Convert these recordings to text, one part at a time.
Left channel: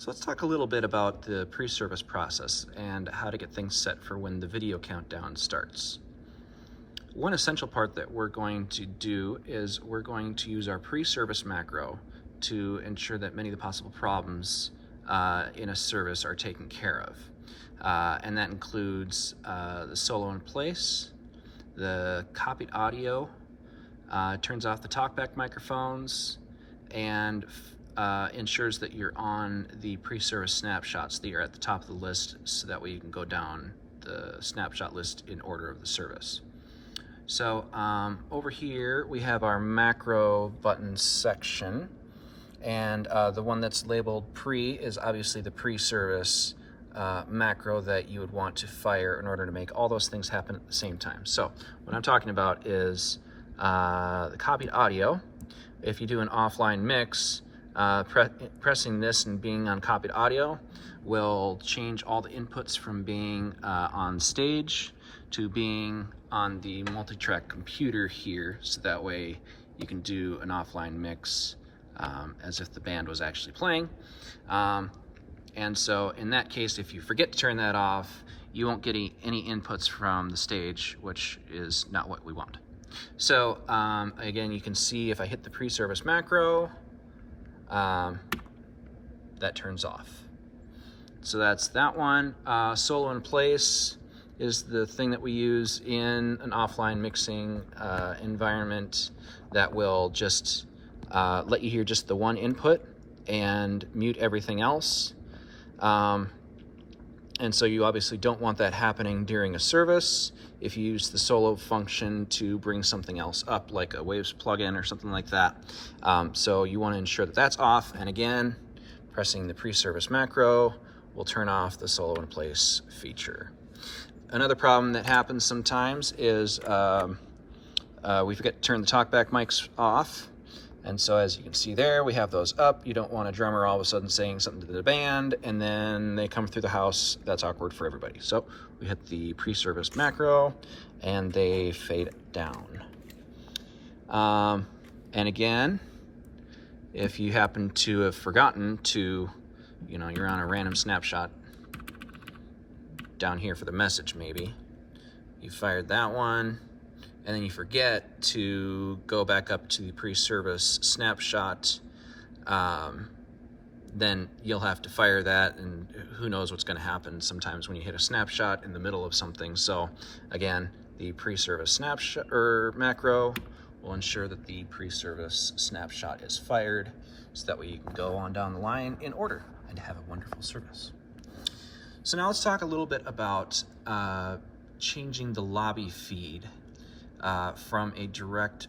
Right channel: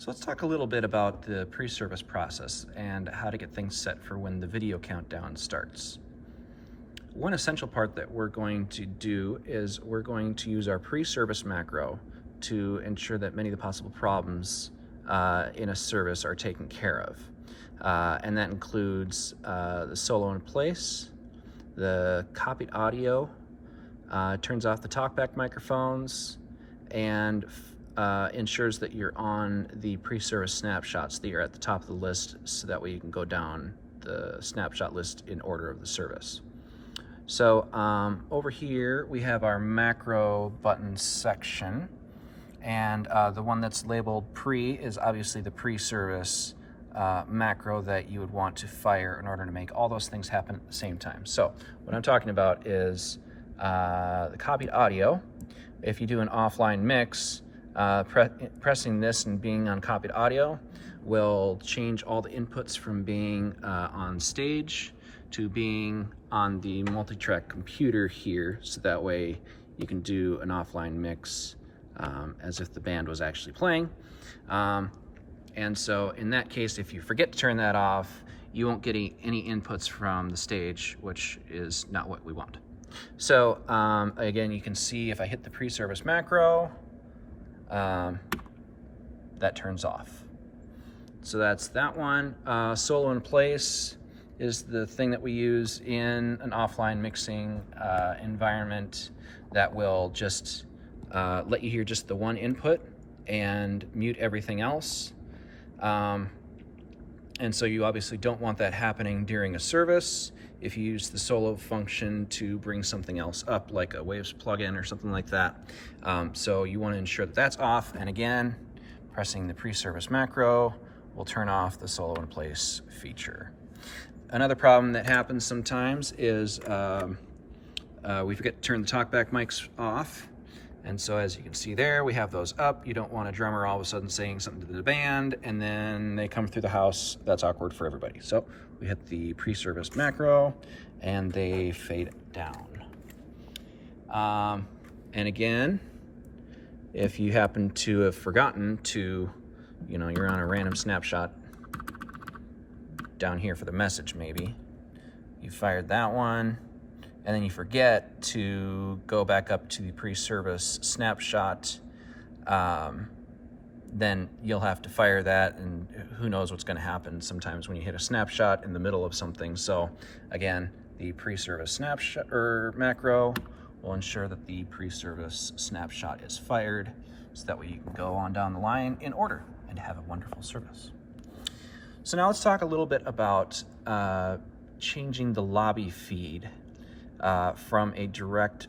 So let's talk a little bit about the pre-service process and how to get things set for when the video countdown starts. One essential part that we're going to do is we're going to use our pre-service macro to ensure that many of the possible problems in a service are taken care of. And that includes the solo in place, the copied audio, turns off the talkback microphones, and ensures that you're on the pre-service snapshots, that you're at the top of the list, so that way you can go down the snapshot list in order of the service. So over here we have our macro button section, and the one that's labeled pre is obviously the pre-service macro that you would want to fire in order to make all those things happen at the same time. So what I'm talking about is the copied audio. If you do an offline mix, pressing this and being on copied audio will change all the inputs from being on stage to being on the multi-track computer here, so that way you can do an offline mix as if the band was actually playing. And so in that case, if you forget to turn that off, you won't get any inputs from the stage, which is not what we want. So again, you can see if I hit the pre-service macro, that turns off. So that's that one. Solo in place is the thing that we use in an offline mixing environment that will just let you hear just the one input and mute everything else. And so you obviously don't want that happening during a service. If you use the solo function to bring something else up, like a Waves plugin or something like that. So you want to ensure that that's off. And again, pressing the pre-service macro will turn off the solo in place feature. Another problem that happens sometimes is we forget to turn the talkback mics off. And so as you can see there, we have those up. You don't want a drummer all of a sudden saying something to the band and then they come through the house. That's awkward for everybody. So we hit the pre-service macro and they fade down. And again, if you happen to have forgotten to, you're on a random snapshot down here for the message maybe, you fired that one, and then you forget to go back up to the pre-service snapshot, then you'll have to fire that, and who knows what's going to happen sometimes when you hit a snapshot in the middle of something. So again, the pre-service snapshot or macro will ensure that the pre-service snapshot is fired, so that way you can go on down the line in order and have a wonderful service. So now let's talk a little bit about changing the lobby feed from a direct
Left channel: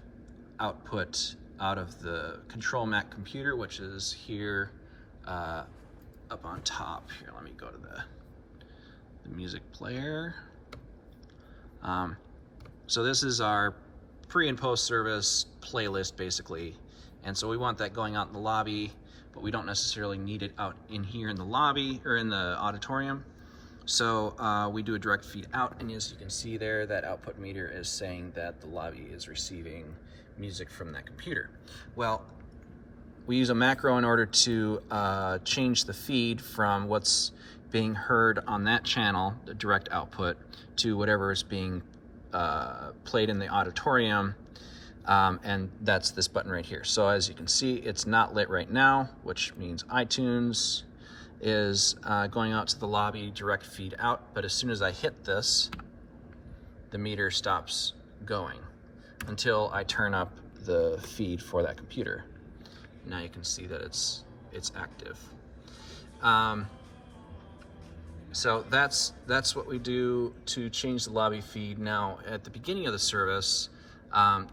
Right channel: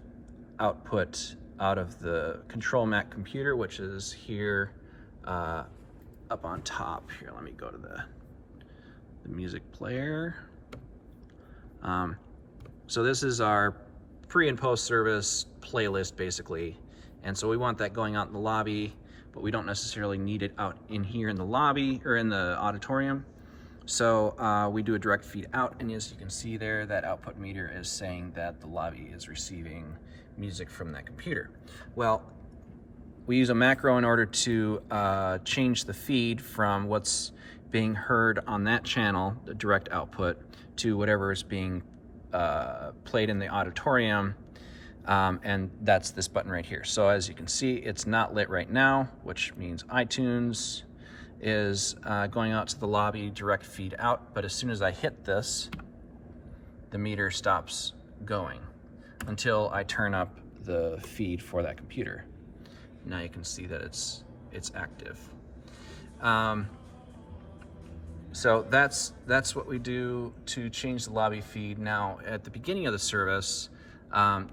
output out of the Control Mac computer, which is here up on top. Here, let me go to the music player. So this is our pre and post service playlist basically, and so we want that going out in the lobby, but we don't necessarily need it out in here in the lobby or in the auditorium. So we do a direct feed out, and as you can see there, that output meter is saying that the lobby is receiving music from that computer. Well, we use a macro in order to change the feed from what's being heard on that channel, the direct output, to whatever is being played in the auditorium, and that's this button right here. So as you can see, it's not lit right now, which means iTunes is going out to the lobby, direct feed out, but as soon as I hit this, the meter stops going until I turn up the feed for that computer. Now you can see that it's active. So that's what we do to change the lobby feed. Now at the beginning of the service,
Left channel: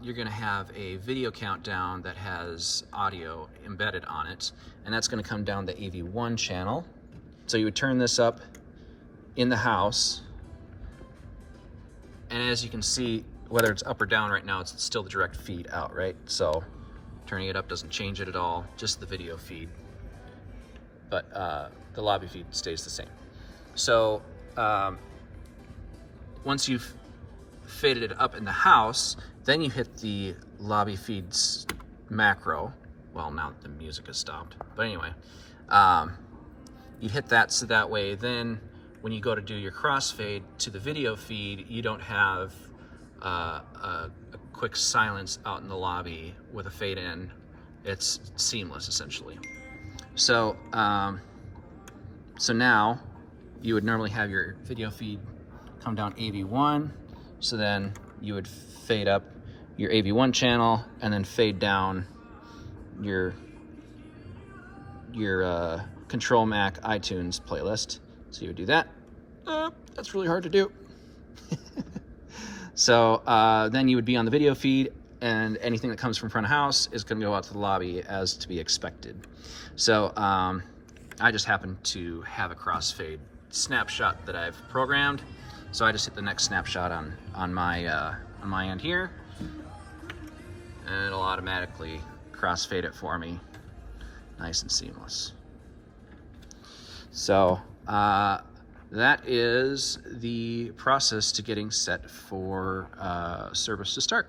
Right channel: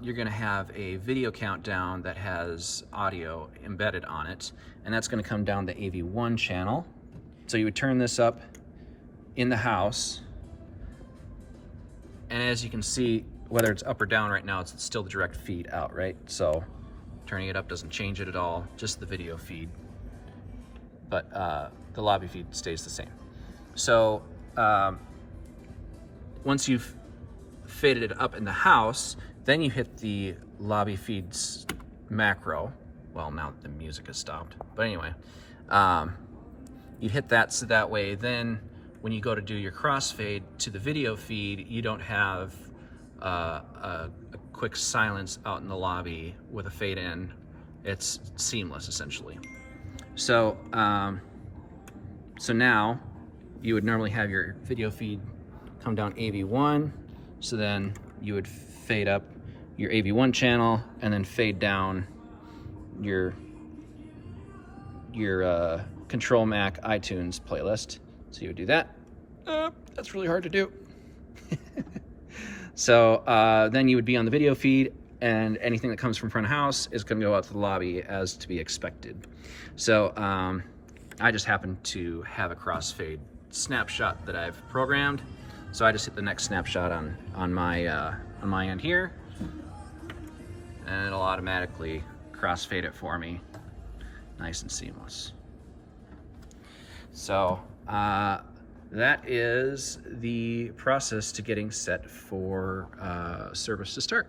you're going to have a video countdown that has audio embedded on it, and that's going to come down the AV1 channel. So you would turn this up in the house, and as you can see, whether it's up or down right now, it's still the direct feed out, right? So turning it up doesn't change it at all, just the video feed, but the lobby feed stays the same. So once you've faded it up in the house, then you hit the lobby feeds macro. Well, now the music has stopped, but anyway, You'd hit that so that way then when you go to do your crossfade to the video feed, you don't have a quick silence out in the lobby with a fade in. It's seamless essentially. So, so now you would normally have your video feed come down AV1. So then you would fade up your AV1 channel and then fade down your Control Mac iTunes playlist. So you would do that. That's really hard to do. So then you would be on the video feed, and anything that comes from front of house is going to go out to the lobby as to be expected. So I just happen to have a crossfade snapshot that I've programmed. So I just hit the next snapshot on my end here, and it'll automatically crossfade it for me, nice and seamless. So that is the process to getting set for service to start.